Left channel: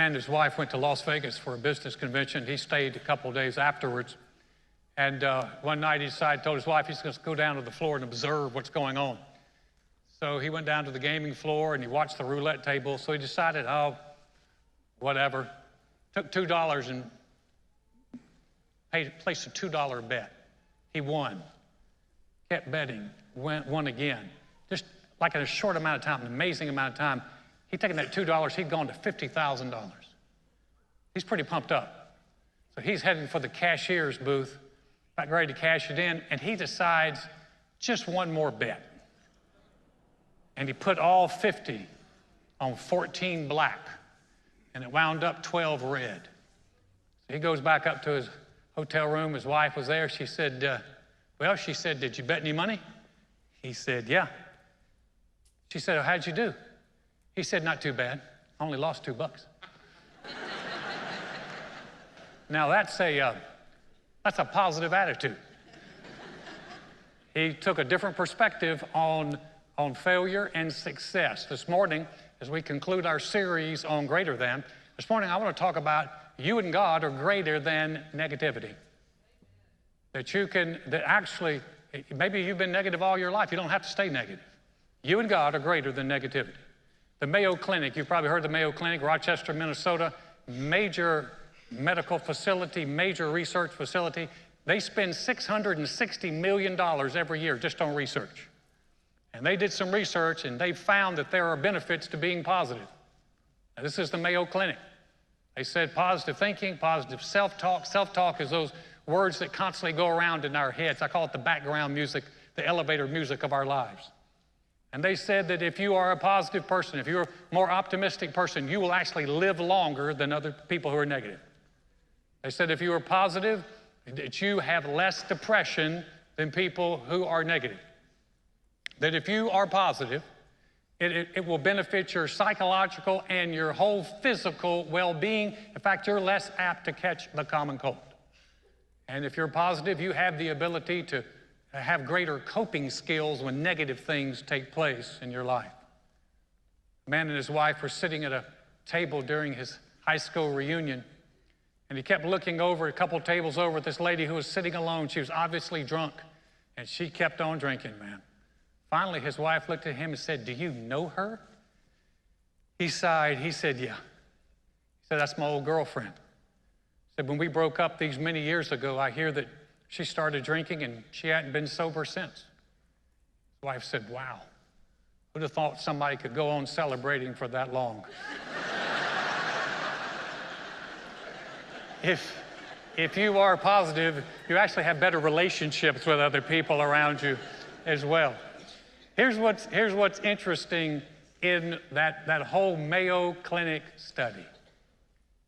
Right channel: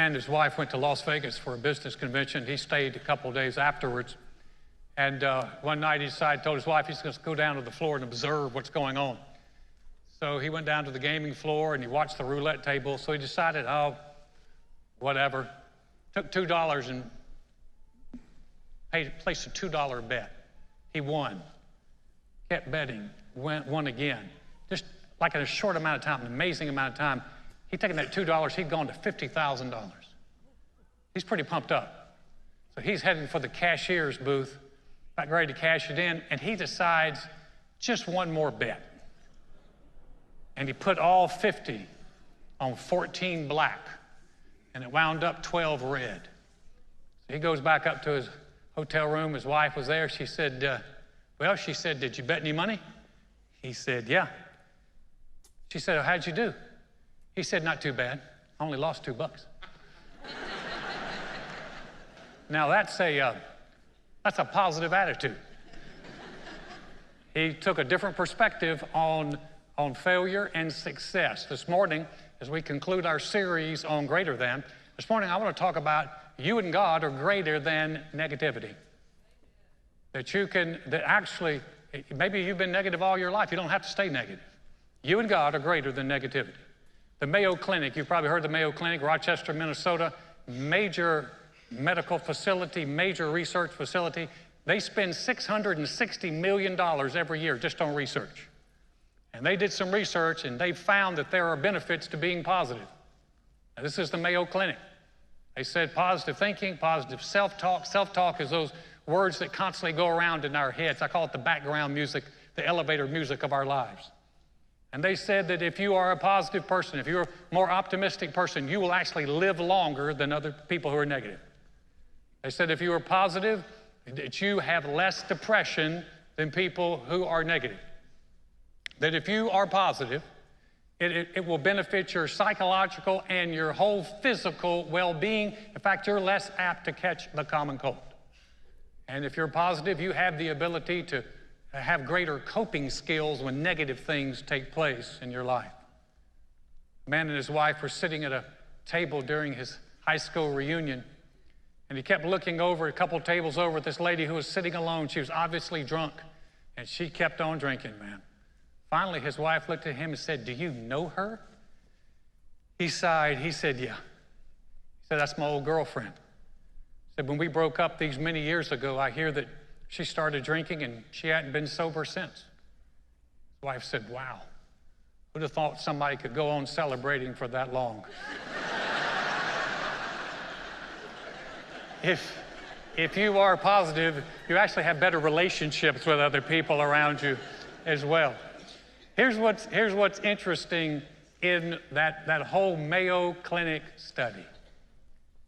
Man and his wife went to Las Vegas for a business convention. He stayed a couple of days afterwards. And one night he told his wife he's going to go down to the floor and observe what's going on. So he went down to the gaming floor and he watched the roulette table. So he decided, oh, whatever. Took $2 and placed a $2 bet. He won. Kept betting. Won again. Just like in a short amount of time, an amazing amount of time. He'd taken that $2, he'd gone to $50,000. He's pretty pumped up. So he's heading for the cashier's booth, about ready to cash it in, and he decides just one more bet. And he put all 50 on 14 black, and it wound up 12 red. So he goes back up to his hotel room. His wife was there. She said, did you bet any money? He said, yeah. She said, oh, how'd you do? He said, not too bad. I only lost $2. Now that's a positive attitude. He took a different perspective on failure and success. This morning, as we conclude our series on greater than, this morning I want to talk about you and God are greater than negativity. That actually, maybe you've been negative all your life. You don't have to stay negative. You and God are greater than negativity. The Mayo Clinic, you've probably heard of the Mayo Clinic, Rochester, Minnesota, major medical facility, major research facility. They spend $660 million every year just on research. And they did some research and they found that there are benefits to being positive. Now, this is the Mayo Clinic. They said positive thinking, positive self-talk. Self-talk is those words that constantly go around in our heads. I call it the background music, the elevator music of our lives. And they said that if you are a positive person, if you're a more optimistic person, you will actually live longer than other people who are negative. They said if you are positive, that you have less depression than people who are negative. That if you are positive, it will benefit your psychological and your whole physical well-being. In fact, you're less apt to catch the common cold. And if you're positive, you have the ability to have greater coping skills when negative things take place in your life. A man and his wife were sitting at a table during his high school reunion, and he kept looking over a couple tables over at this lady who was sitting alone. She was obviously drunk, and she kept on drinking, man. Finally, his wife looked at him and said, do you know her? He sighed. He said, yeah. He said, that's my old girlfriend. He said, when we broke up these many years ago, I hear that she started drinking and she hadn't been sober since. His wife said, wow, who'd have thought somebody could go on celebrating for that long? If you are positive, you actually have better relationships with other people around you as well. Here's what's interesting in that whole Mayo Clinic study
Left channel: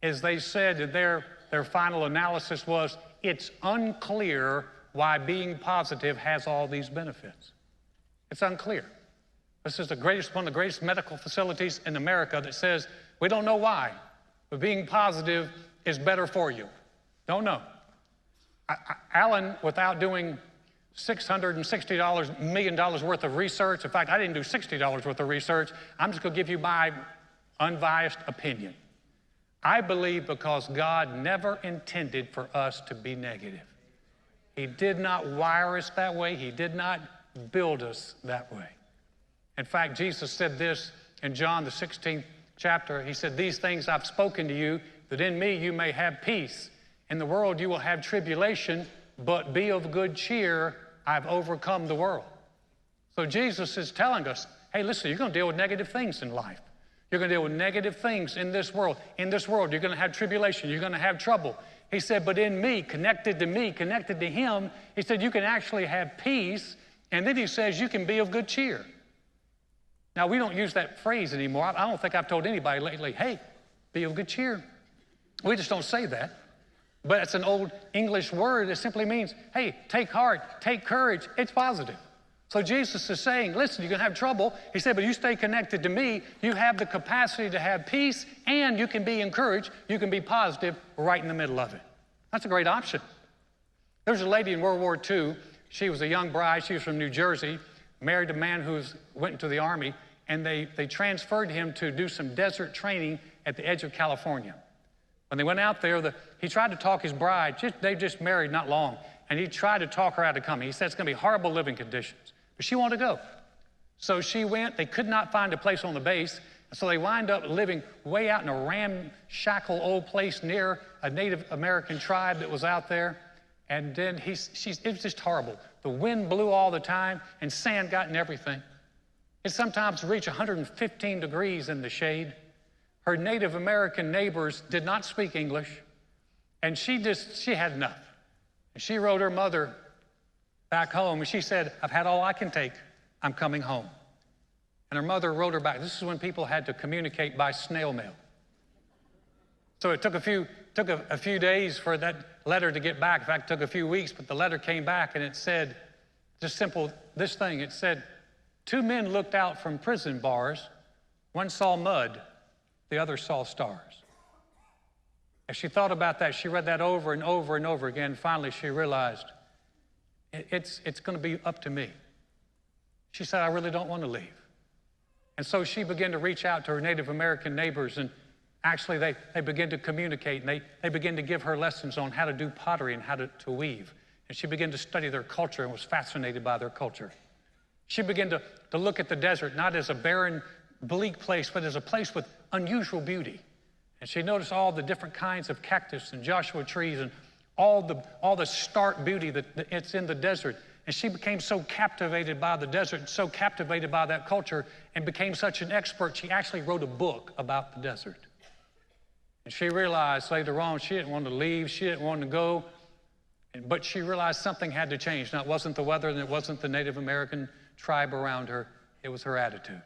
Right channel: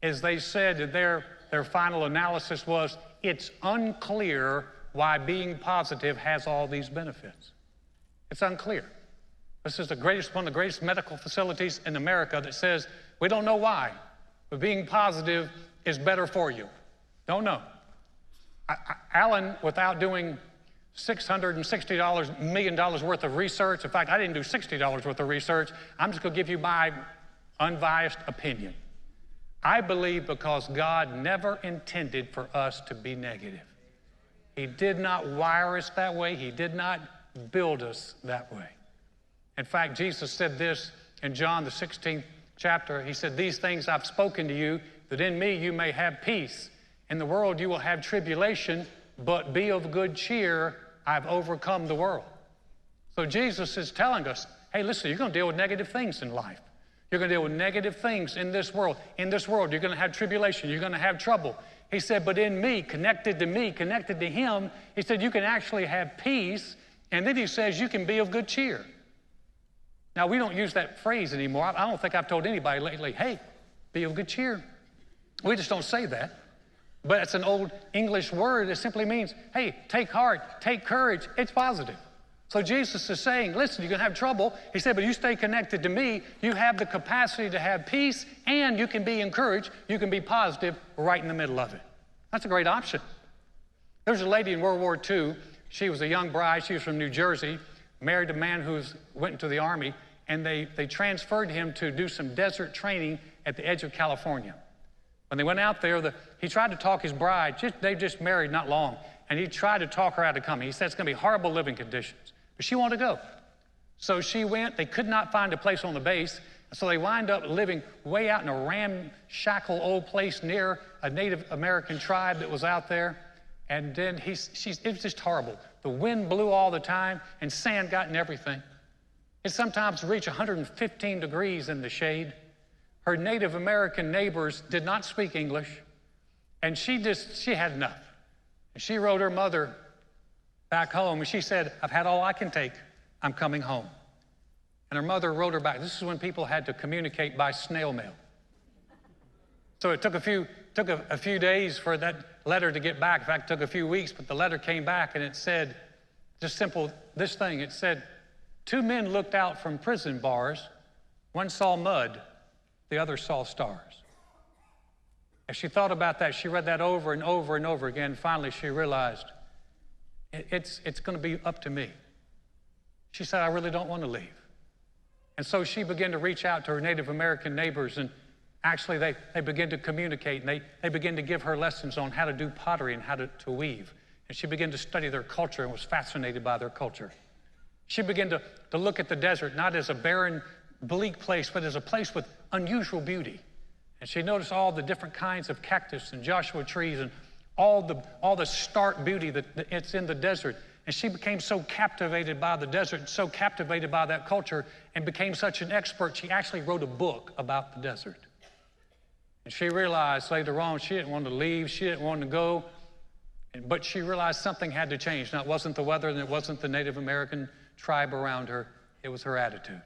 is they said that their final analysis was it's unclear why being positive has all these benefits. It's unclear. This is one of the greatest medical facilities in America that says we don't know why, but being positive is better for you. Don't know. Alan, without doing $660 million worth of research, in fact, I didn't do $60 worth of research. I'm just going to give you my unbiased opinion. I believe because God never intended for us to be negative. He did not wire us that way. He did not build us that way. In fact, Jesus said this in John, the 16th chapter. He said, these things I've spoken to you, that in me you may have peace. In the world you will have tribulation, but be of good cheer. I've overcome the world. So Jesus is telling us, hey, listen, you're going to deal with negative things in life. You're going to deal with negative things in this world. In this world, you're going to have tribulation. You're going to have trouble. He said, but in me, connected to him, he said, you can actually have peace. And then he says, you can be of good cheer. Now, we don't use that phrase anymore. I don't think I've told anybody lately, hey, be of good cheer. We just don't say that. But it's an old English word that simply means, hey, take heart, take courage. It's positive. So Jesus is saying, listen, you're going to have trouble. He said, but you stay connected to me. You have the capacity to have peace, and you can be encouraged. You can be positive right in the middle of it. That's a great option. There was a lady in World War II. She was a young bride. She was from New Jersey, married a man who went into the Army, and they transferred him to do some desert training at the edge of California. When they went out there, he tried to talk his bride. They just married not long. And he tried to talk her out of coming. He said it's going to be horrible living conditions. But she wanted to go. So she went. They could not find a place on the base. So they wind up living way out in a ramshackle old place near a Native American tribe that was out there. And then it was just horrible. The wind blew all the time, and sand got in everything. It sometimes reached 115 degrees in the shade. Her Native American neighbors did not speak English, and she had enough. She wrote her mother back home, and she said, "I've had all I can take. I'm coming home." And her mother wrote her back. This is when people had to communicate by snail mail. So it took a few days for that letter to get back. In fact, it took a few weeks, but the letter came back, and it said, just simple, this thing. It said, "Two men looked out from prison bars. One saw mud, the other saw stars." As she thought about that, she read that over and over and over again. Finally, she realized, it's going to be up to me. She said, "I really don't want to leave." And so she began to reach out to her Native American neighbors, and actually they began to communicate, and they began to give her lessons on how to do pottery and how to weave. And she began to study their culture and was fascinated by their culture. She began to look at the desert not as a barren, bleak place, but as a place with unusual beauty. And she noticed all the different kinds of cactus and Joshua trees and all the stark beauty that it's in the desert. And she became so captivated by the desert, so captivated by that culture, and became such an expert, she actually wrote a book about the desert. And she realized later on she didn't want to leave, she didn't want to go, but she realized something had to change. Now, it wasn't the weather and it wasn't the Native American tribe around her, it was her attitude.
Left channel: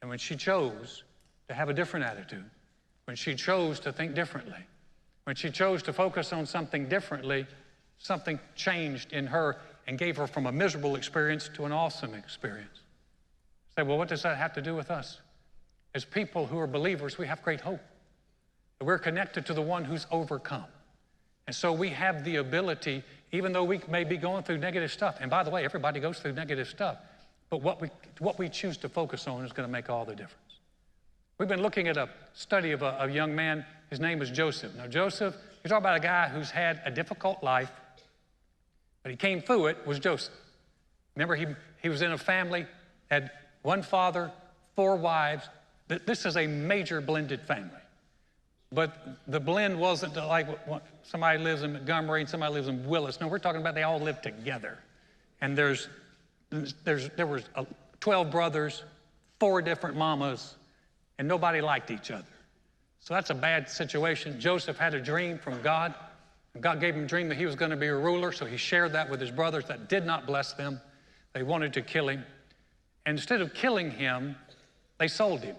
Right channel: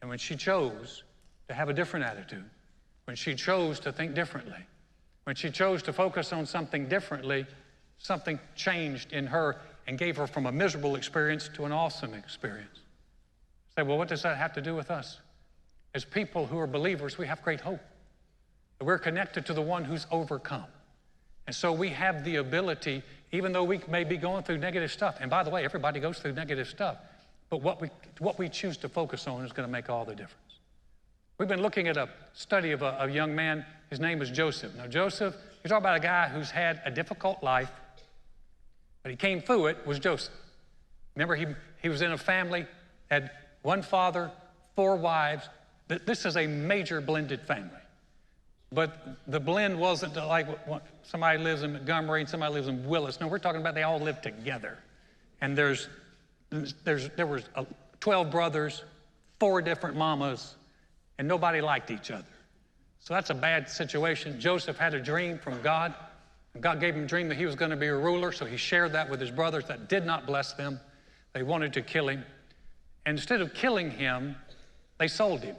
And when she chose to have a different attitude, when she chose to think differently, when she chose to focus on something differently, something changed in her and gave her from a miserable experience to an awesome experience. Say, well, what does that have to do with us? As people who are believers, we have great hope. We're connected to the one who's overcome. And so we have the ability, even though we may be going through negative stuff, and by the way, everybody goes through negative stuff, but what we choose to focus on is going to make all the difference. We've been looking at a study of a young man. His name is Joseph. Now, Joseph, you're talking about a guy who's had a difficult life, but he came through it, was Joseph. Remember, he was in a family, had one father, 4 wives. This is a major blended family. But the blend wasn't like somebody lives in Montgomery and somebody lives in Willis. No, we're talking about they all live together. And there was 12 brothers, 4 different mamas, and nobody liked each other. So that's a bad situation. Joseph had a dream from God. God gave him a dream that he was going to be a ruler, so he shared that with his brothers. That did not bless them. They wanted to kill him. And instead of killing him, they sold him,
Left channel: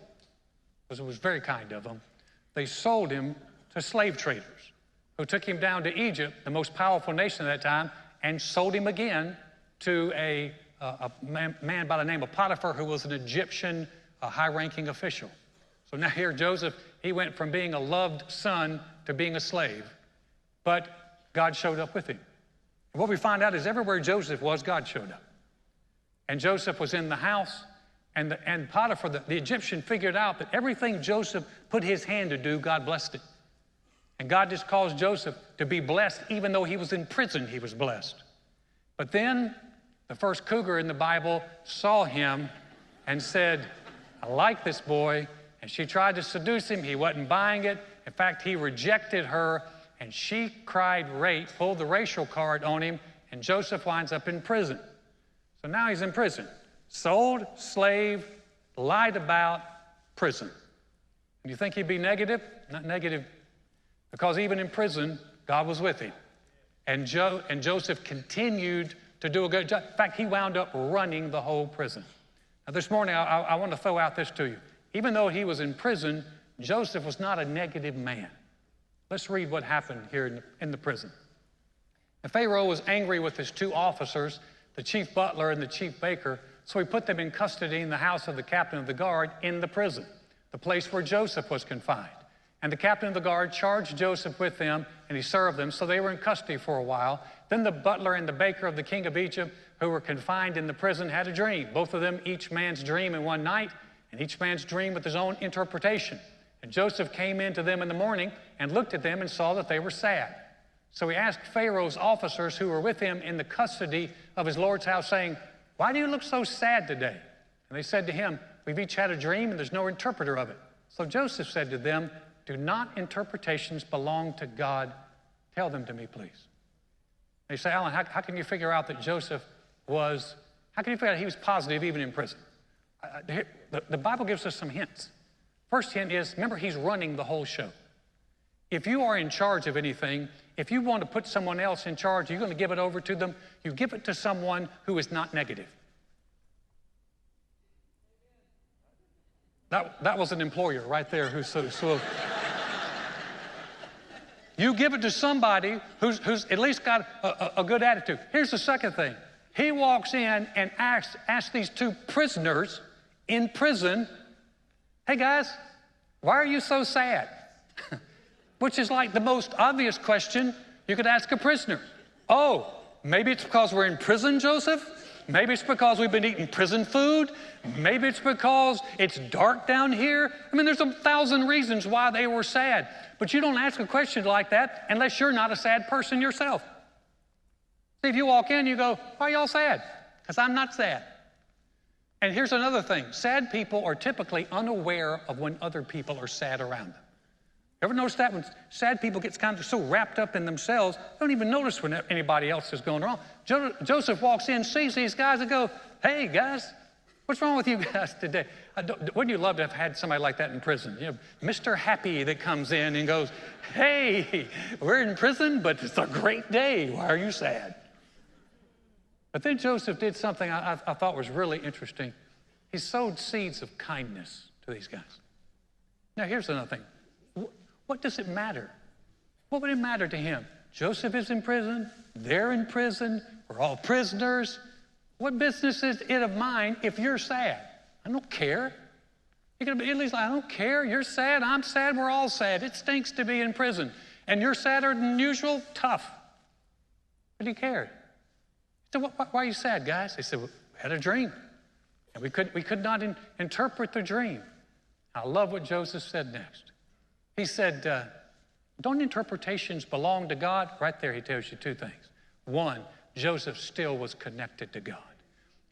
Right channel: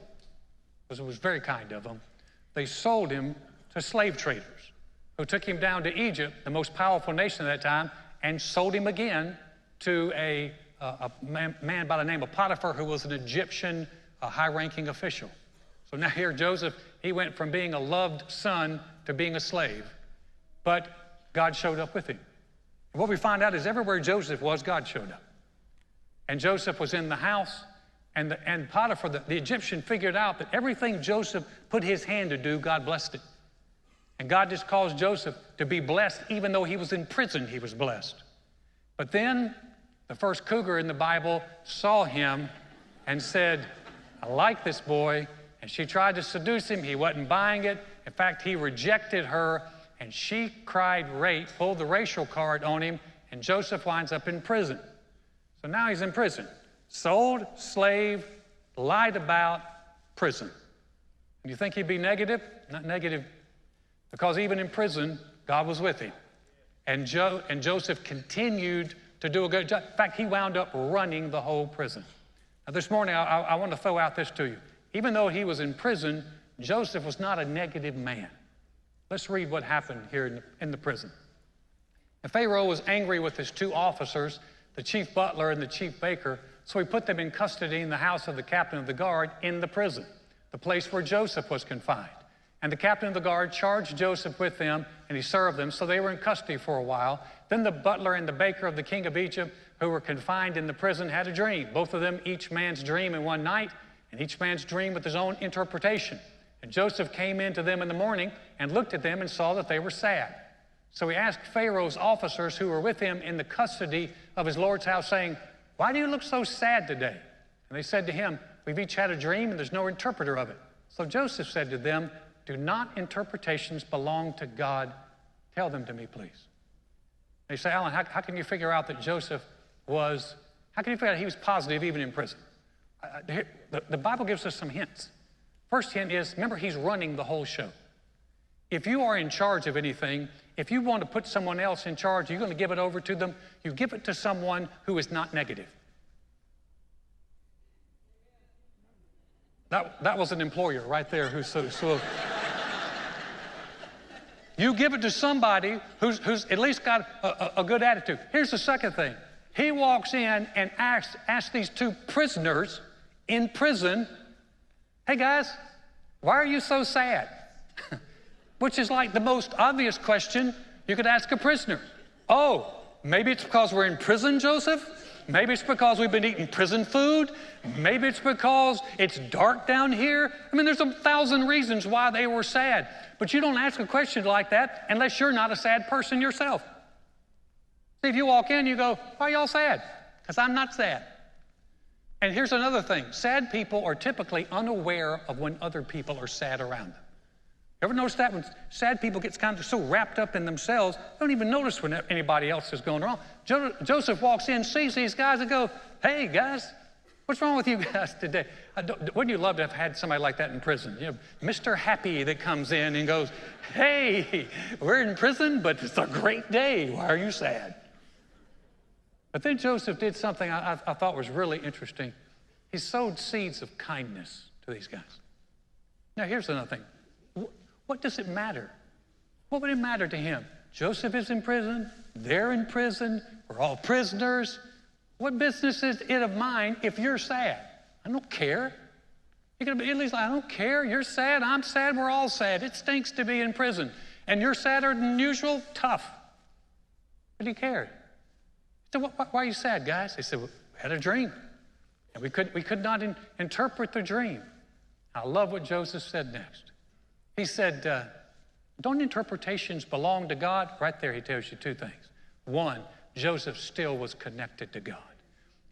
because it was very kind of them. They sold him to slave traders who took him down to Egypt, the most powerful nation at that time, and sold him again to a man by the name of Potiphar, who was an Egyptian high-ranking official. So now here Joseph, he went from being a loved son to being a slave, but God showed up with him. And what we find out is everywhere Joseph was, God showed up. And Joseph was in the house, and Potiphar, the Egyptian, figured out that everything Joseph put his hand to do, God blessed it. And God just caused Joseph to be blessed. Even though he was in prison, he was blessed. But then the first cougar in the Bible saw him and said, "I like this boy." And she tried to seduce him. He wasn't buying it. In fact, he rejected her, and she cried rape, pulled the racial card on him, and Joseph winds up in prison. So now he's in prison. Sold, slave, lied about, prison. You think he'd be negative? Not negative, because even in prison, God was with him. And Joseph continued to do a good job. In fact, he wound up running the whole prison. Now, this morning, I want to throw out this to you. Even though he was in prison, Joseph was not a negative man. Let's read what happened here in the prison. The Pharaoh was angry with his 2 officers, the chief butler and the chief baker, so he put them in custody in the house of the captain of the guard in the prison, the place where Joseph was confined. And the captain of the guard charged Joseph with them, and he served them, so they were in custody for a while. Then the butler and the baker of the king of Egypt, who were confined in the prison, had a dream. Both of them, each man's dream in one night, and each man's dream with his own interpretation. And Joseph came in to them in the morning and looked at them and saw that they were sad. So he asked Pharaoh's officers who were with him in the custody of his Lord's house, saying, "Why do you look so sad today?" And they said to him, "We've each had a dream and there's no interpreter of it." So Joseph said to them, "Do not interpretations belong to God? Tell them to me, please." They say, "Alan, how can you figure out that how can you figure out he was positive even in prison?" The Bible gives us some hints. First hint is, remember, he's running the whole show. If you are in charge of anything, if you want to put someone else in charge, you're going to give it over to them, you give it to someone who is not negative. That was an employer right there who's so you give it to somebody who's at least got a good attitude. Here's the second thing. He walks in and asks these two prisoners in prison, "Hey guys, why are you so sad?" Which is like the most obvious question you could ask a prisoner. "Oh, maybe it's because we're in prison, Joseph? Maybe it's because we've been eating prison food. Maybe it's because it's dark down here." I mean, there's 1,000 reasons why they were sad. But you don't ask a question like that unless you're not a sad person yourself. See, if you walk in, you go, "Why are y'all sad?" "Because I'm not sad." And here's another thing. Sad people are typically unaware of when other people are sad around them. Ever notice that? When sad people get kind of so wrapped up in themselves, they don't even notice when anybody else is going wrong. Joseph walks in, sees these guys, and goes, "Hey, guys, what's wrong with you guys today?" Wouldn't you love to have had somebody like that in prison? You know, Mr. Happy that comes in and goes, "Hey, we're in prison, but it's a great day. Why are you sad?" But then Joseph did something I thought was really interesting. He sowed seeds of kindness to these guys. Now, here's another thing. What does it matter? What would it matter to him? Joseph is in prison. They're in prison. We're all prisoners. What business is it of mine if you're sad? I don't care. You're going to be at least like, "I don't care. You're sad. I'm sad. We're all sad. It stinks to be in prison. And you're sadder than usual? Tough." But he cared. So why are you sad, guys? They said, "We had a dream. And we could not interpret the dream." I love what Joseph said next. He said, don't interpretations belong to God? Right there he tells you two things. One, Joseph still was connected to God.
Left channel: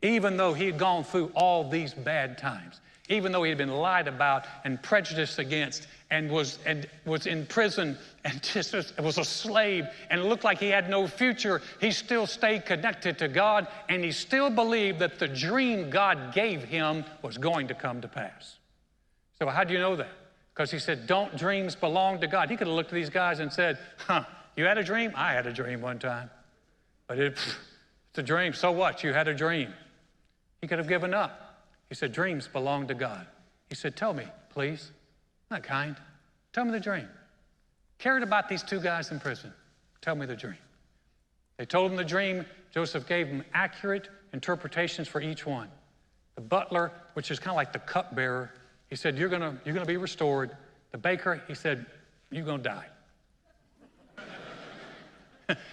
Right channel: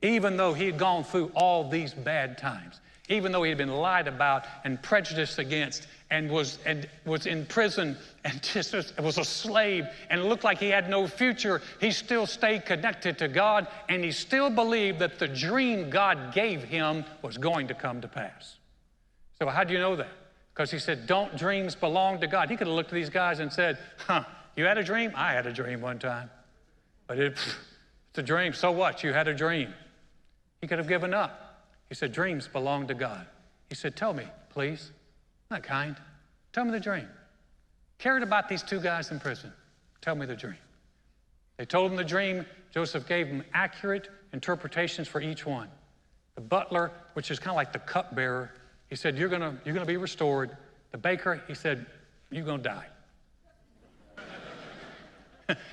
Even though he had gone through all these bad times, even though he had been lied about and prejudiced against and was in prison and just was a slave and looked like he had no future, he still stayed connected to God, and he still believed that the dream God gave him was going to come to pass. So how do you know that? Because he said, "Don't dreams belong to God?" He could have looked at these guys and said, "You had a dream? I had a dream one time. But it's a dream. So what? You had a dream." He could have given up. He said, "Dreams belong to God." He said, "Tell me, please." Not kind. Tell me the dream. Cared about these two guys in prison. Tell me the dream. They told him the dream. Joseph gave them accurate interpretations for each one. The butler, which is kind of like the cupbearer, he said, you're gonna be restored. The baker, he said, "You're gonna die."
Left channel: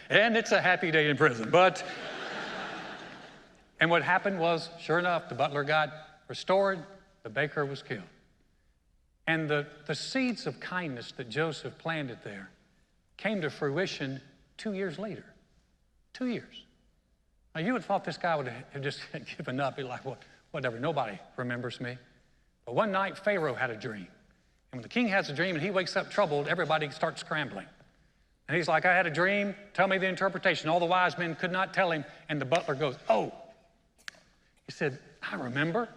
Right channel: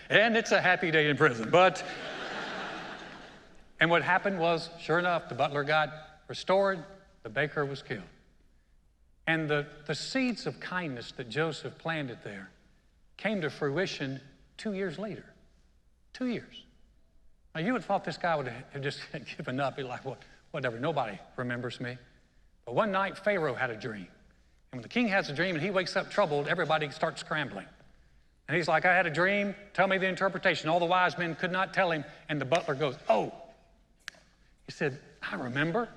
And it's a happy day in prison. And what happened was, sure enough, the butler got restored. The baker was killed. And the seeds of kindness that Joseph planted there came to fruition 2 years later. 2 years. Now, you would have thought this guy would have just given up. Be like, "Well, whatever, nobody remembers me." But one night, Pharaoh had a dream. And when the king has a dream and he wakes up troubled, everybody starts scrambling. And he's like, "I had a dream. Tell me the interpretation." All the wise men could not tell him. And the butler goes, "Oh." He said, "I remember.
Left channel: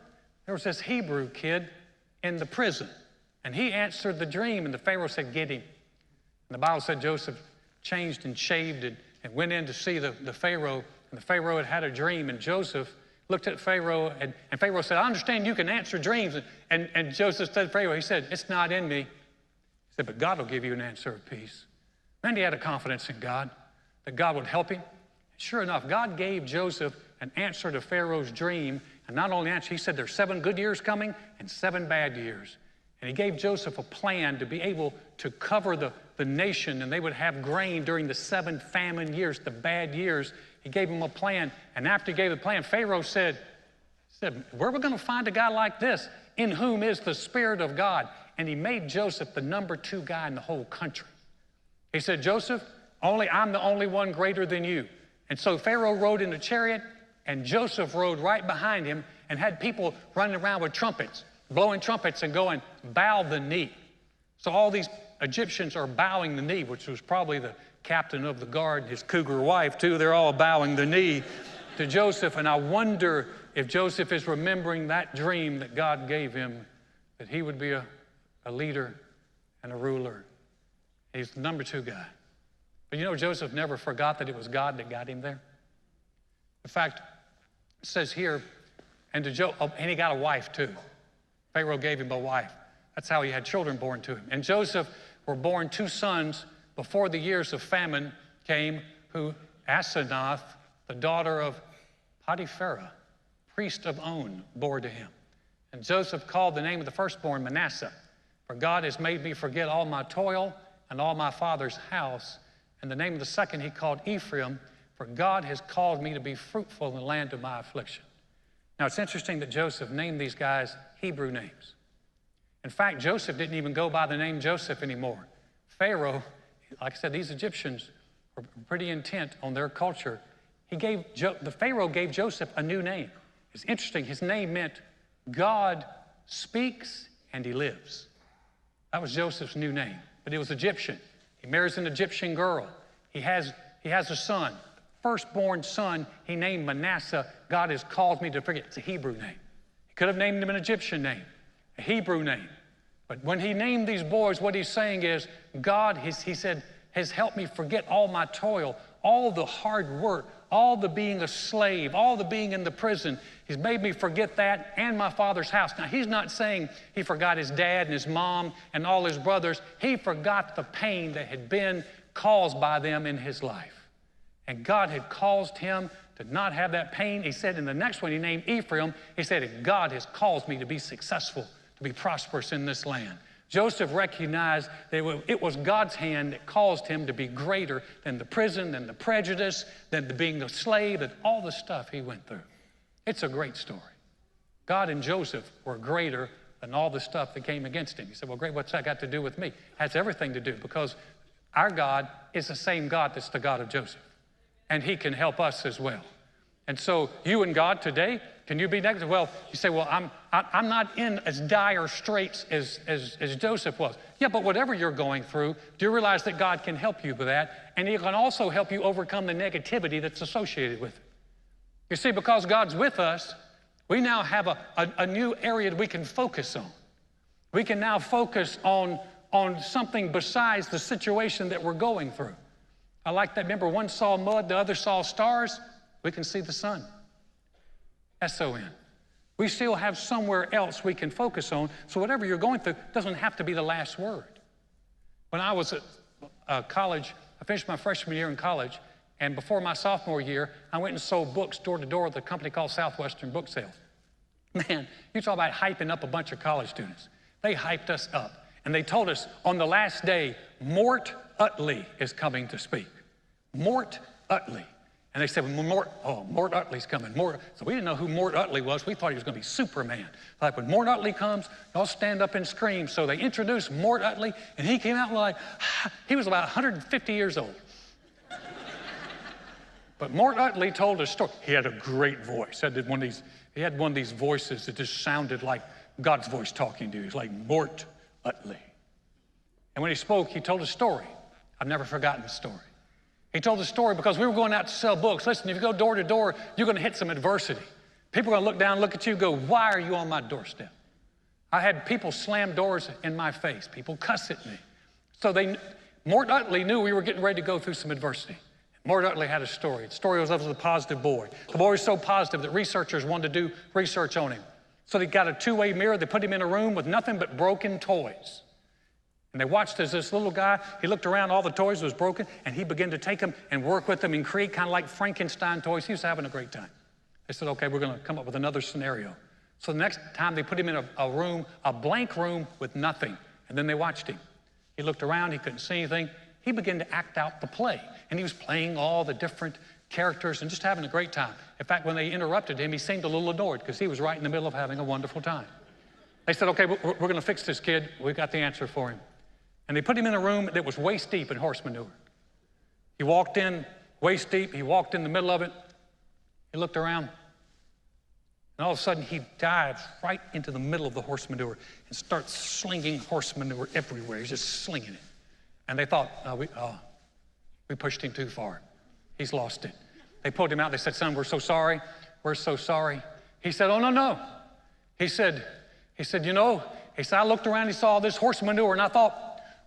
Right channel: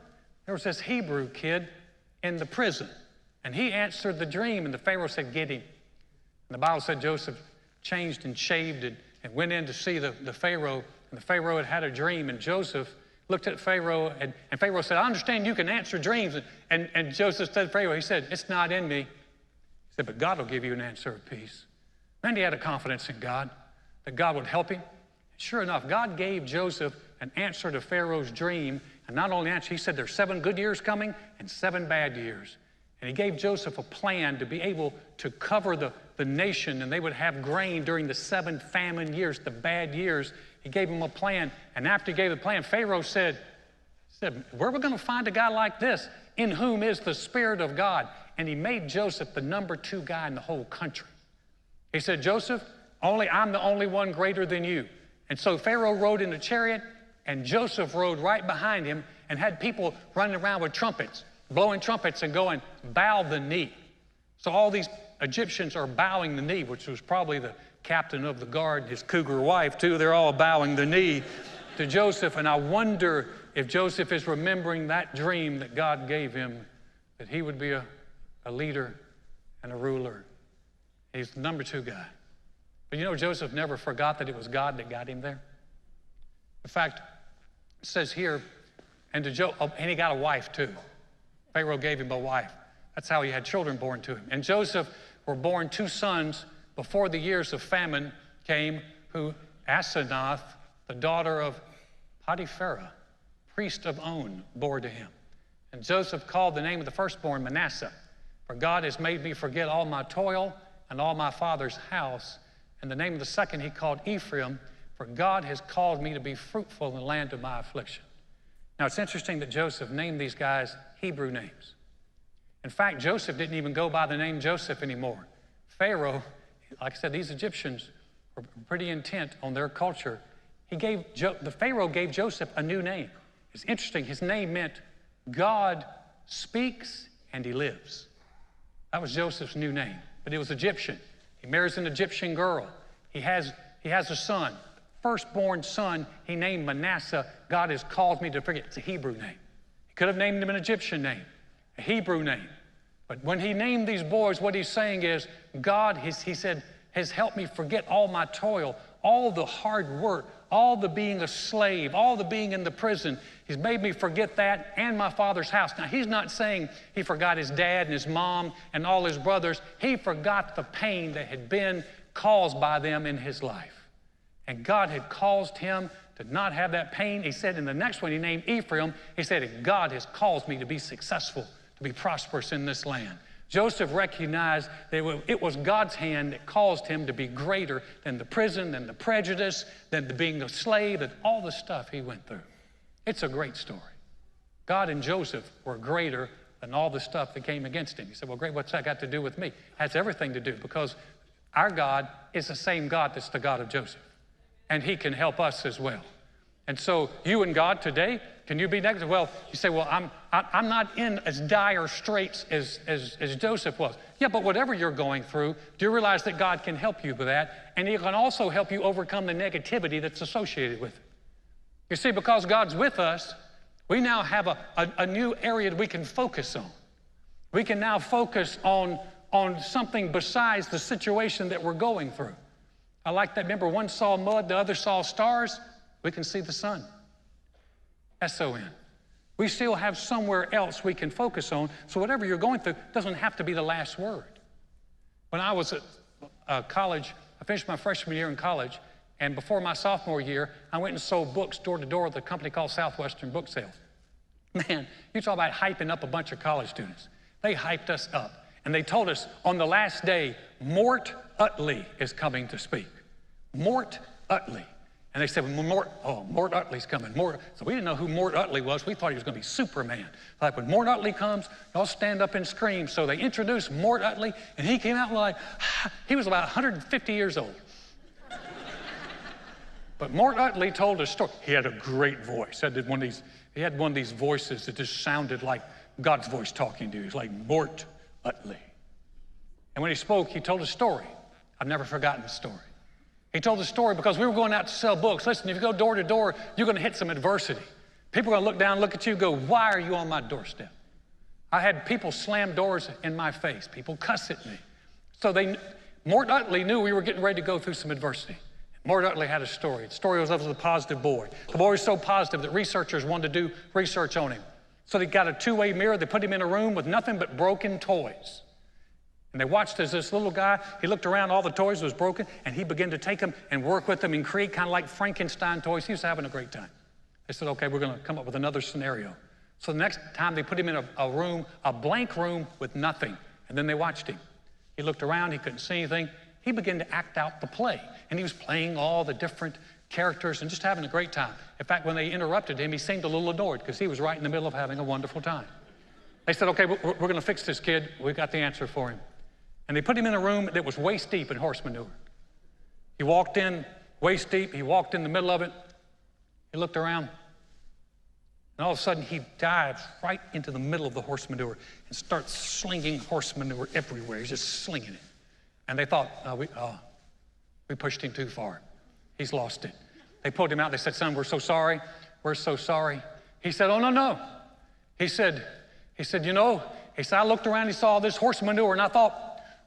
There was this Hebrew kid in the prison. And he answered the dream." And the Pharaoh said, "Get him." And the Bible said Joseph changed and shaved and went in to see the Pharaoh. And the Pharaoh had a dream. And Joseph looked at Pharaoh, and Pharaoh said, "I understand you can answer dreams." And Joseph said to Pharaoh, he said, "It's not in me." He said, "But God will give you an answer of peace." And he had a confidence in God, that God would help him. Sure enough, God gave Joseph an answer to Pharaoh's dream. And not only answer, he said there's 7 good years coming and 7 bad years. And he gave Joseph a plan to be able to cover the nation, and they would have grain during the 7 famine years, the bad years. He gave him a plan. And after he gave the plan, Pharaoh said, "Where are we going to find a guy like this in whom is the Spirit of God?" and he made Joseph the number 2 guy in the whole country. He said, Joseph, I'm the only one greater than you. And so Pharaoh rode in a chariot, and Joseph rode right behind him and had people running around with trumpets, blowing trumpets and going, bow the knee. So all these Egyptians are bowing the knee, which was probably the captain of the guard, his cougar wife too. They're all bowing the knee to Joseph. And I wonder if Joseph is remembering that dream that God gave him, that he would be a leader and a ruler. He's the number 2 guy. But you know, Joseph never forgot that it was God that got him there. In fact, it says here, and he got a wife too. Pharaoh gave him a wife. That's how he had children born to him. And Joseph were born 2 sons before the years of famine came, who Asenath, the daughter of Potiphar, priest of On, bore to him. And Joseph called the name of the firstborn Manasseh, for God has made me forget all my toil and all my father's house. And the name of the second he called Ephraim, for God has called me to be fruitful in the land of my affliction. Now it's interesting that Joseph named these guys Hebrew names. In fact, Joseph didn't even go by the name Joseph anymore. Pharaoh, like I said, these Egyptians were pretty intent on their culture. The Pharaoh gave Joseph a new name. It's interesting. His name meant God speaks and he lives. That was Joseph's new name, but it was Egyptian. He marries an Egyptian girl. He has a son. Firstborn son, he named Manasseh. God has called me to forget. It's a Hebrew name. He could have named him an Egyptian name, a Hebrew name. But when he named these boys, what he's saying is, God, he said, has helped me forget all my toil, all the hard work, all the being a slave, all the being in the prison. He's made me forget that and my father's house. Now, he's not saying he forgot his dad and his mom and all his brothers. He forgot the pain that had been caused by them in his life. And God had caused him to not have that pain. He said in the next one, he named Ephraim. He said, God has caused me to be successful, to be prosperous in this land. Joseph recognized that it was God's hand that caused him to be greater than the prison, than the prejudice, than being a slave, and all the stuff he went through. It's a great story. God and Joseph were greater than all the stuff that came against him. You said, well, great, what's that got to do with me? It has everything to do, because our God is the same God that's the God of Joseph. And he can help us as well. And so you and God today, can you be negative? Well, you say, well, I'm not in as dire straits as Joseph was. Yeah, but whatever you're going through, do you realize that God can help you with that? And he can also help you overcome the negativity that's associated with it. You see, because God's with us, we now have a new area that we can focus on. We can now focus on something besides the situation that we're going through. I like that. Remember, one saw mud, the other saw stars. We can see the sun. S-O-N. We still have somewhere else we can focus on. So whatever you're going through doesn't have to be the last word. When I was at college, I finished my freshman year in college, and before my sophomore year, I went and sold books door to door at a company called Southwestern Book Sales. Man, you talk about hyping up a bunch of college students. They hyped us up. And they told us on the last day, Mort Utley is coming to speak. Mort Utley. And they said, well, Mort Utley's coming. So we didn't know who Mort Utley was. We thought he was going to be Superman. Like, when Mort Utley comes, y'all stand up and scream. So they introduced Mort Utley, and he came out like, he was about 150 years old. But Mort Utley told a story. He had a great voice. He had one of these voices that just sounded like God's voice talking to you. It's like Mort Utley. And when he spoke, he told a story. I've never forgotten the story. He told the story because we were going out to sell books. Listen, if you go door to door, you're going to hit some adversity. People are going to look down, look at you, and go, why are you on my doorstep? I had people slam doors in my face. People cuss at me. So Mort Utley knew we were getting ready to go through some adversity. Mort Utley had a story. The story was of a positive boy. The boy was so positive that researchers wanted to do research on him. So they got a two-way mirror. They put him in a room with nothing but broken toys. And they watched as this little guy, he looked around, all the toys was broken, and he began to take them and work with them and create kind of like Frankenstein toys. He was having a great time. They said, okay, we're going to come up with another scenario. So the next time they put him in a room, a blank room with nothing. And then they watched him. He looked around, he couldn't see anything. He began to act out the play. And he was playing all the different characters and just having a great time. In fact, when they interrupted him, he seemed a little adored because he was right in the middle of having a wonderful time. They said, okay, we're going to fix this kid. We've got the answer for him. And they put him in a room that was waist deep in horse manure. He walked in waist deep. He walked in the middle of it. He looked around. And all of a sudden, he dives right into the middle of the horse manure and starts slinging horse manure everywhere. He's just slinging it. And they thought, we pushed him too far. He's lost it. They pulled him out. They said, son, we're so sorry. We're so sorry. He said, oh, no. He said, I looked around and saw all this horse manure, and I thought,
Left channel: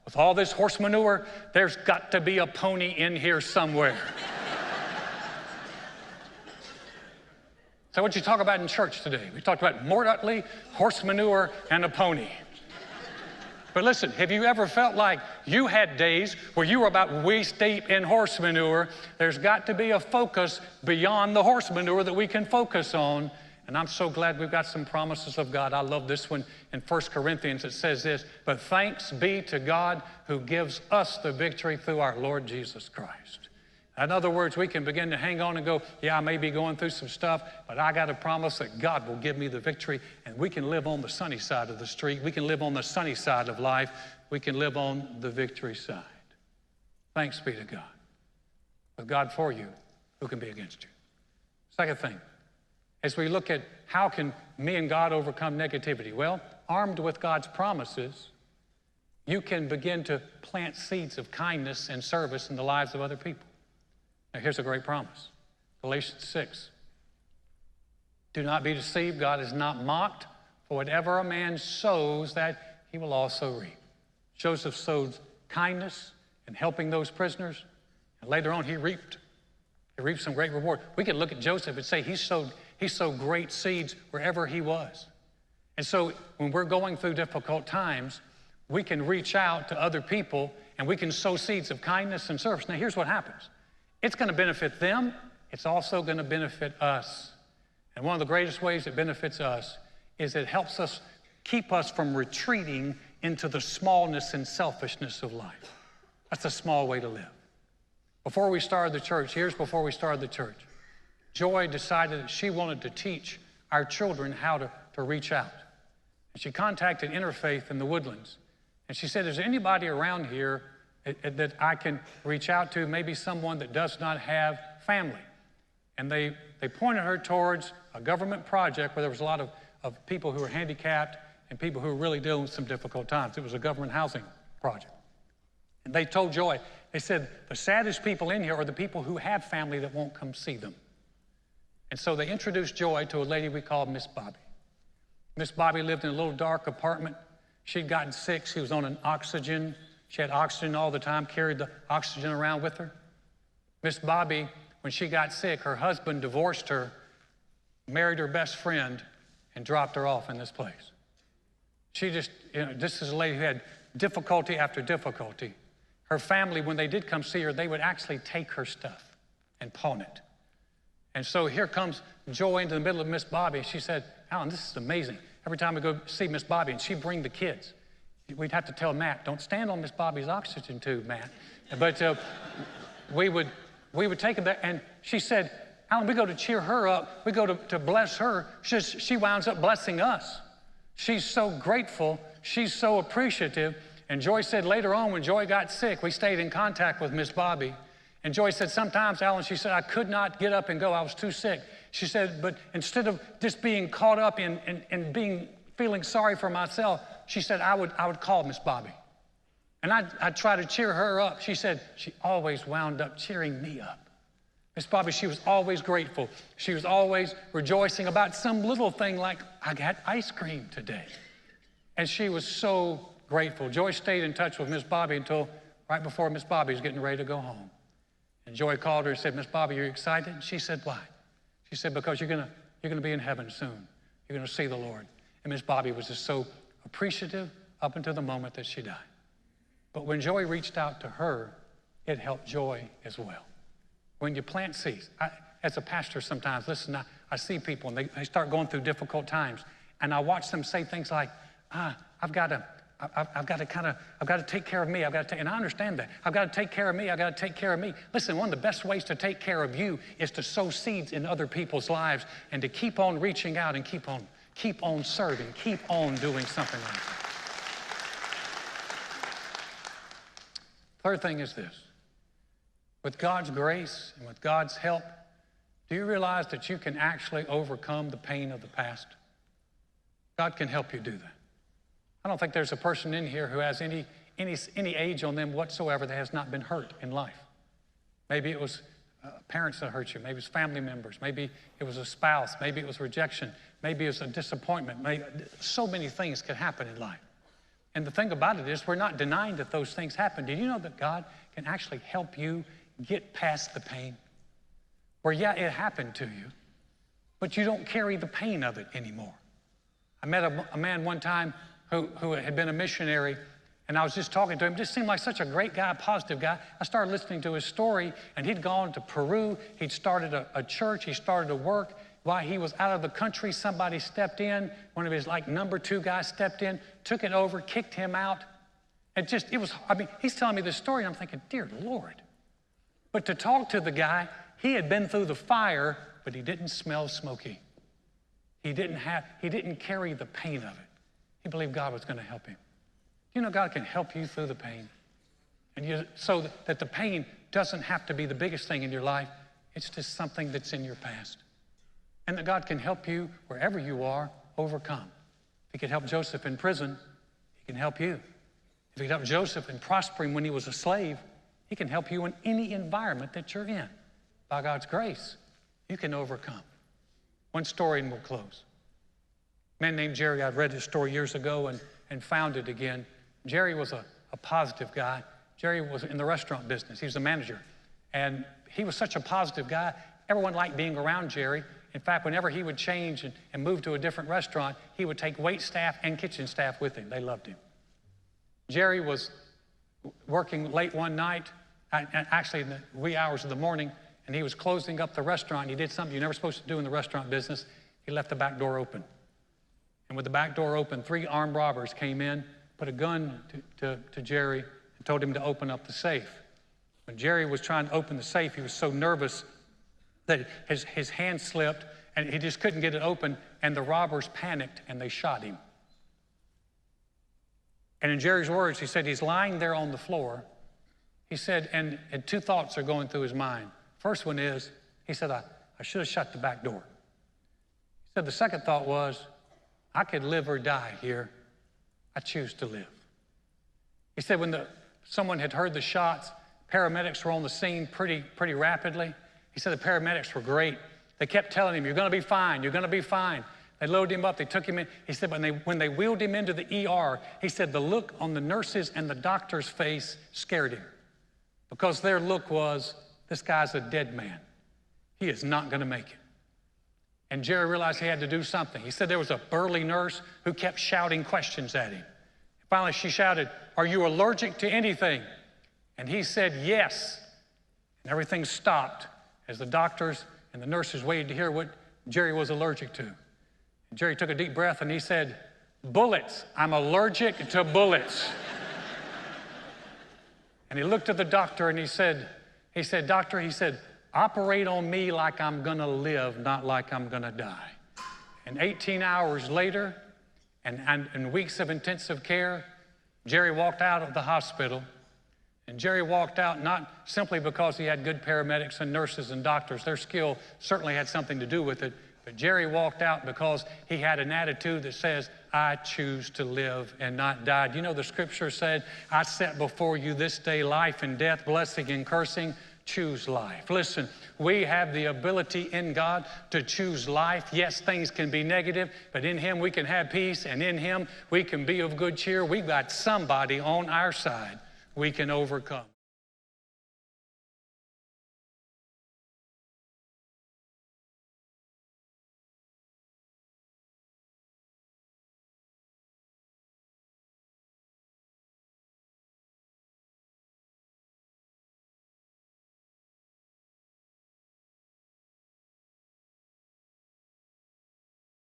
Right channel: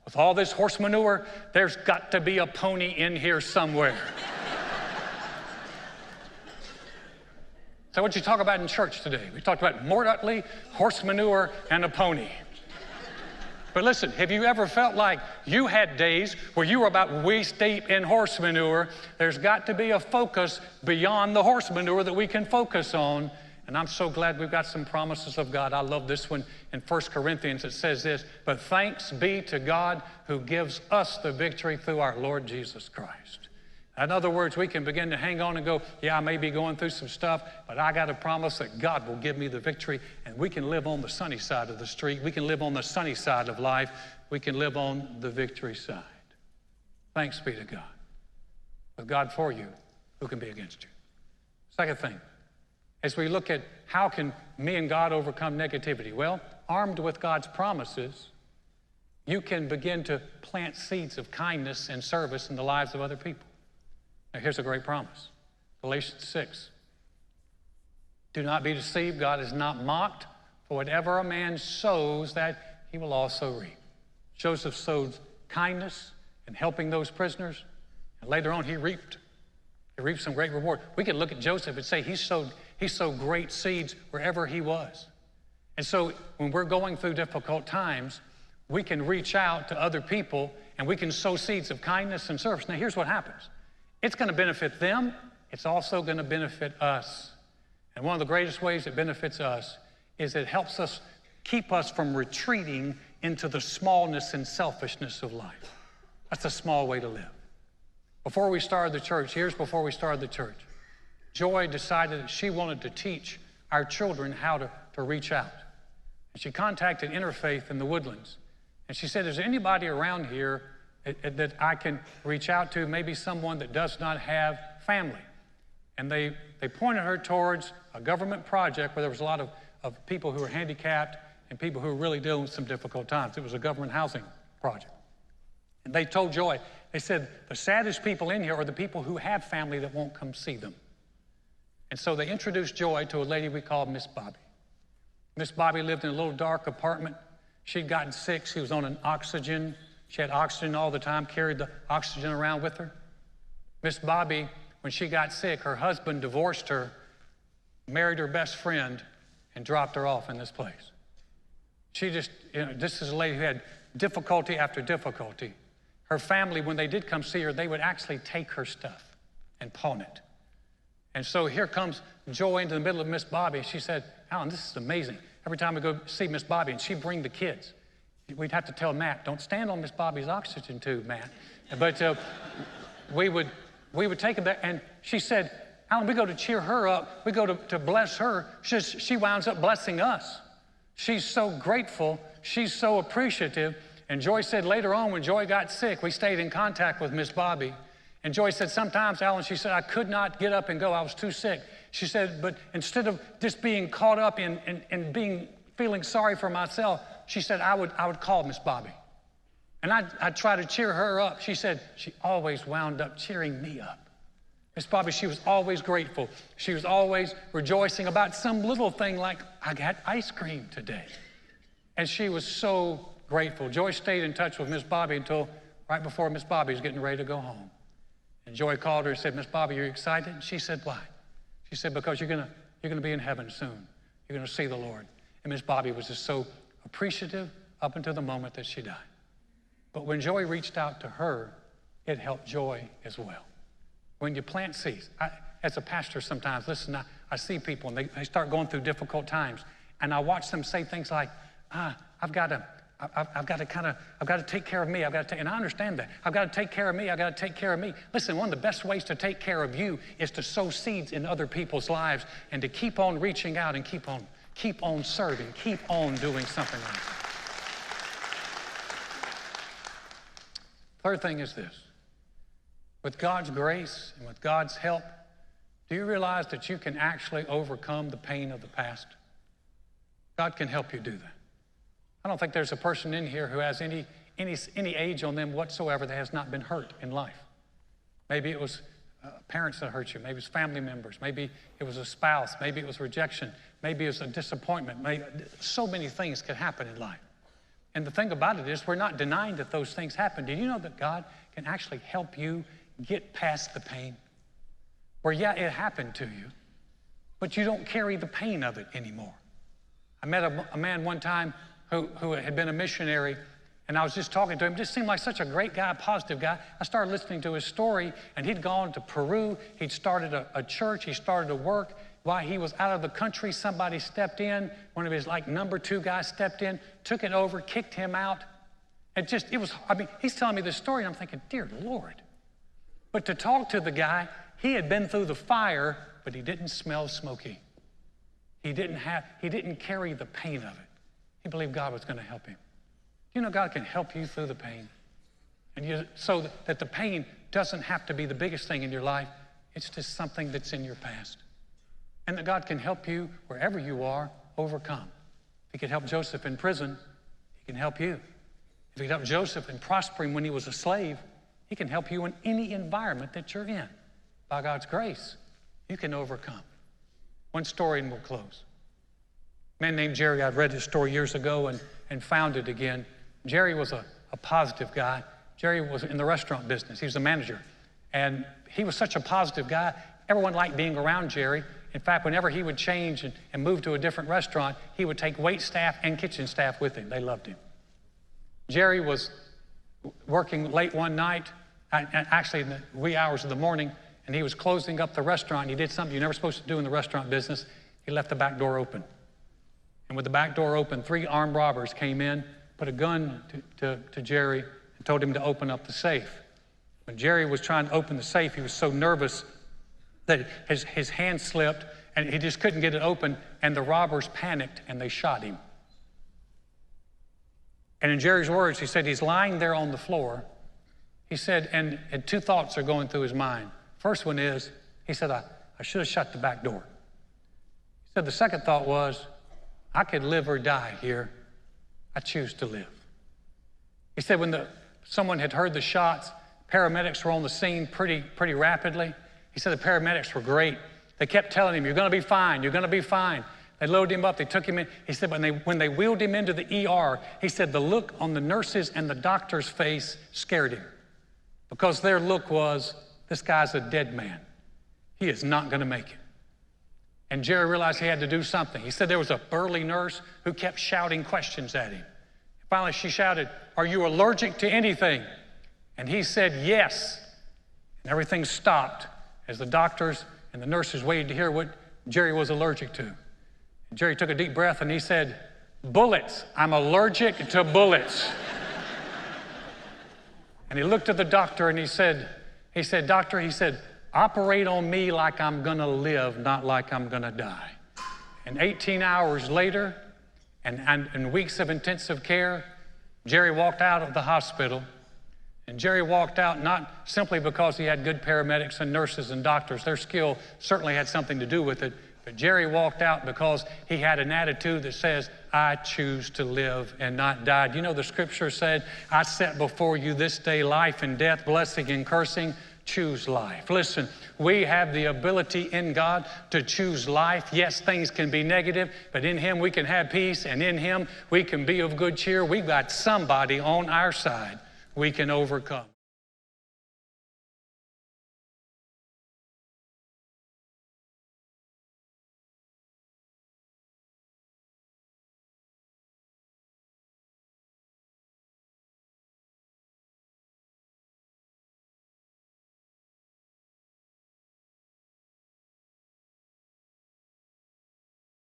with all this horse manure, there's got to be a pony in here somewhere. So what you talk about in church today? We talked about Mort Utley, horse manure, and a pony. But listen, have you ever felt like you had days where you were about waist deep in horse manure? There's got to be a focus beyond the horse manure that we can focus on. And I'm so glad we've got some promises of God. I love this one in 1 Corinthians. It says this, but thanks be to God who gives us the victory through our Lord Jesus Christ. In other words, we can begin to hang on and go, yeah, I may be going through some stuff, but I got a promise that God will give me the victory, and we can live on the sunny side of the street. We can live on the sunny side of life. We can live on the victory side. Thanks be to God. With God for you, who can be against you? Second thing, as we look at how can me and God overcome negativity? Well, armed with God's promises, you can begin to plant seeds of kindness and service in the lives of other people. Now, here's a great promise. Galatians 6. Do not be deceived. God is not mocked. For whatever a man sows, that he will also reap. Joseph sowed kindness and helping those prisoners. And later on, he reaped some great reward. We could look at Joseph and say he sowed great seeds wherever he was. And so when we're going through difficult times, we can reach out to other people and we can sow seeds of kindness and service. Now, here's what happens. It's going to benefit them. It's also going to benefit us. And one of the greatest ways it benefits us is it helps us keep us from retreating into the smallness and selfishness of life. That's a small way to live. Before we started the church, Joy decided that she wanted to teach our children how to reach out. And she contacted Interfaith in the Woodlands. And she said, is there anybody around here that I can reach out to, maybe someone that does not have family? And they pointed her towards a government project where there was a lot of people who were handicapped and people who were really dealing with some difficult times. It was a government housing project. And they told Joy, they said, the saddest people in here are the people who have family that won't come see them. And so they introduced Joy to a lady we called Miss Bobby. Miss Bobby lived in a little dark apartment. She'd gotten sick. She was on an oxygen. She had oxygen all the time, carried the oxygen around with her. Miss Bobby, when she got sick, her husband divorced her, married her best friend, and dropped her off in this place. She just, this is a lady who had difficulty after difficulty. Her family, when they did come see her, they would actually take her stuff and pawn it. And so here comes Joy into the middle of Miss Bobby. She said, Alan, this is amazing. Every time we go see Miss Bobby, and she'd bring the kids, we'd have to tell Matt, don't stand on Miss Bobby's oxygen tube, Matt. But we would take them back, and she said, Alan, we go to cheer her up. We go to bless her. She winds up blessing us. She's so grateful. She's so appreciative. And Joy said later on when Joy got sick, we stayed in contact with Miss Bobby. And Joy said, sometimes, Alan, she said, I could not get up and go. I was too sick. She said, but instead of just being caught up in feeling sorry for myself, she said, I would call Miss Bobby. And I'd try to cheer her up. She said, she always wound up cheering me up. Miss Bobby, she was always grateful. She was always rejoicing about some little thing like, I got ice cream today. And she was so grateful. Joy stayed in touch with Miss Bobby until right before Miss Bobby was getting ready to go home. And Joy called her and said, Miss Bobby, are you excited? She said, why? She said, because you're gonna be in heaven soon. You're gonna see the Lord. And Miss Bobby was just so appreciative up until the moment that she died. But when Joy reached out to her, it helped Joy as well. When you plant seeds, as a pastor sometimes, listen, I see people and they start going through difficult times, and I watch them say things like, I've got to take care of me. And I understand that. I've got to take care of me. I've got to take care of me. Listen, one of the best ways to take care of you is to sow seeds in other people's lives and to keep on reaching out and keep on Keep on serving. Keep on doing something like that. Third thing is this. With God's grace and with God's help, do you realize that you can actually overcome the pain of the past? God can help you do that. I don't think there's a person in here who has any age on them whatsoever that has not been hurt in life. Maybe it was parents that hurt you. Maybe it's family members. Maybe it was a spouse. Maybe it was rejection. Maybe it was a disappointment. So many things could happen in life. And the thing about it is we're not denying that those things happen. Did you know that God can actually help you get past the pain? Where, yeah, it happened to you, but you don't carry the pain of it anymore. I met a man one time who had been a missionary, and I was just talking to him. Just seemed like such a great guy, a positive guy. I started listening to his story, and he'd gone to Peru. He'd started a church. He started to work. While he was out of the country, somebody stepped in. One of his number 2 guys stepped in, took it over, kicked him out. He's telling me this story, and I'm thinking, dear Lord. But to talk to the guy, he had been through the fire, but he didn't smell smoky. He didn't carry the pain of it. He believed God was going to help him. You know, God can help you through the pain. So that the pain doesn't have to be the biggest thing in your life. It's just something that's in your past. And that God can help you wherever you are overcome. If he could help Joseph in prison, he can help you. If he could help Joseph in prospering when he was a slave, he can help you in any environment that you're in. By God's grace, you can overcome. One story and we'll close. A man named Jerry, I'd read his story years ago and found it again. Jerry was a positive guy. Jerry was in the restaurant business. He was a manager. And he was such a positive guy. Everyone liked being around Jerry. In fact, whenever he would change and move to a different restaurant, he would take wait staff and kitchen staff with him. They loved him. Jerry was working late one night, actually in the wee hours of the morning, and he was closing up the restaurant. He did something you're never supposed to do in the restaurant business. He left the back door open. And with the back door open, 3 armed robbers came in, put a gun to Jerry, and told him to open up the safe. When Jerry was trying to open the safe, he was so nervous that his hand slipped, and he just couldn't get it open, and the robbers panicked, and they shot him. And in Jerry's words, he said he's lying there on the floor. He said, and 2 thoughts are going through his mind. First one is, he said, I should have shut the back door. He said the second thought was, I could live or die here. I choose to live. He said when someone had heard the shots, paramedics were on the scene pretty rapidly. He said the paramedics were great. They kept telling him, you're going to be fine, you're going to be fine. They loaded him up, they took him in. He said when they wheeled him into the ER, he said the look on the nurses and the doctor's face scared him. Because their look was, this guy's a dead man. He is not going to make it. And Jerry realized he had to do something. He said there was a burly nurse who kept shouting questions at him. Finally, she shouted, are you allergic to anything? And he said, yes. And everything stopped as the doctors and the nurses waited to hear what Jerry was allergic to. And Jerry took a deep breath and he said, bullets. I'm allergic to bullets. And he looked at the doctor and he said, doctor, he said, operate on me like I'm going to live, not like I'm going to die. And 18 hours later, and weeks of intensive care, Jerry walked out of the hospital. And Jerry walked out not simply because he had good paramedics and nurses and doctors. Their skill certainly had something to do with it. But Jerry walked out because he had an attitude that says, I choose to live and not die. You know, the scripture said, I set before you this day life and death, blessing and cursing. Choose life. Listen, we have the ability in God to choose life. Yes, things can be negative, but in Him we can have peace, and in Him we can be of good cheer. We've got somebody on our side we can overcome.